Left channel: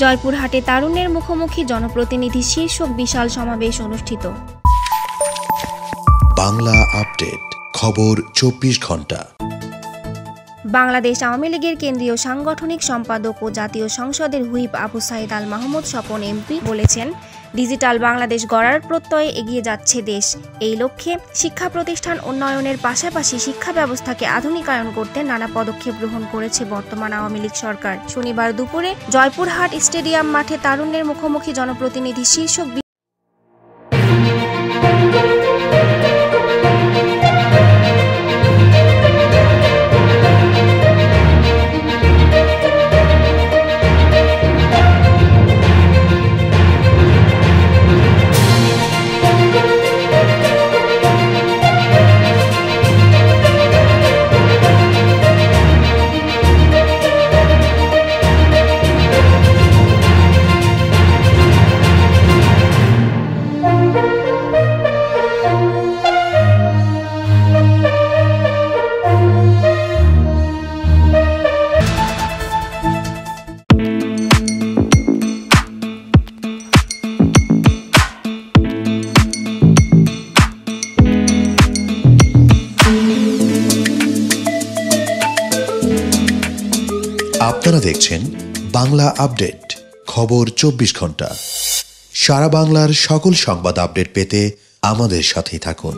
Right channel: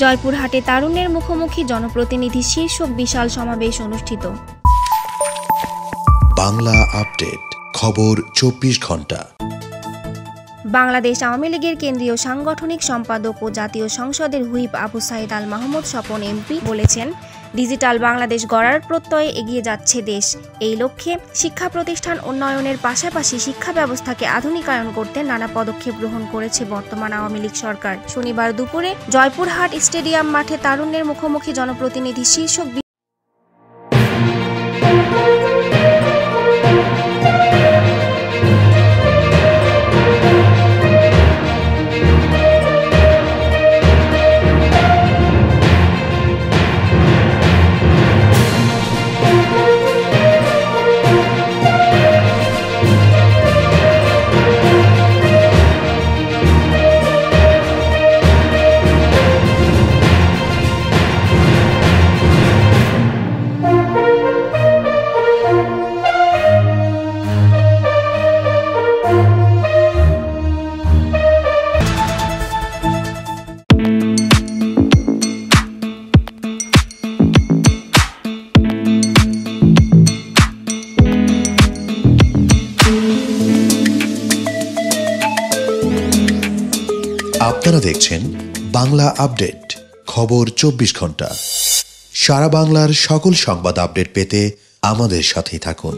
জয়পুরহাটে তারুণ্যের মুখোমুখি জনপ্রতিনিধি শীর্ষক বিশাল সমাবেশ অনুষ্ঠিত। বাংলা আপডেট, খবর 24 ঘন্টা। বাংলাদেশ আওয়ামী লীগের কেন্দ্রীয় সাংগঠনিক সম্পাদক ও জাতীয় সংসদের হুইপ আবু সাইদ আল মাহমুদ স্বপন এমপি বলেছেন, ডিজিটাল বাংলাদেশ গড়ার প্রত্যয়ে এগিয়ে যাচ্ছে দেশ। এই লক্ষ্যে শিক্ষা প্রতিষ্ঠান উন্নয়নের পাশাপাশি শিক্ষা ব্যবস্থাকে আধুনিকায়ন করতে নানা পদক্ষেপ গ্রহণ করেছে বর্তমান আওয়ামী লীগ সরকার। শনিবার দুপুরে জয়পুরহাট স্টেডিয়াম মাঠে তারুণ্যের মুখোমুখি জনপ্রতিনিধি শীর্ষক আপনারা দেখছেন বাংলা আপডেট, খবর 24 ঘন্টা। সারা বাংলার সকল সংবাদ আপডেট পেতে আমাদের সাথেই থাকুন।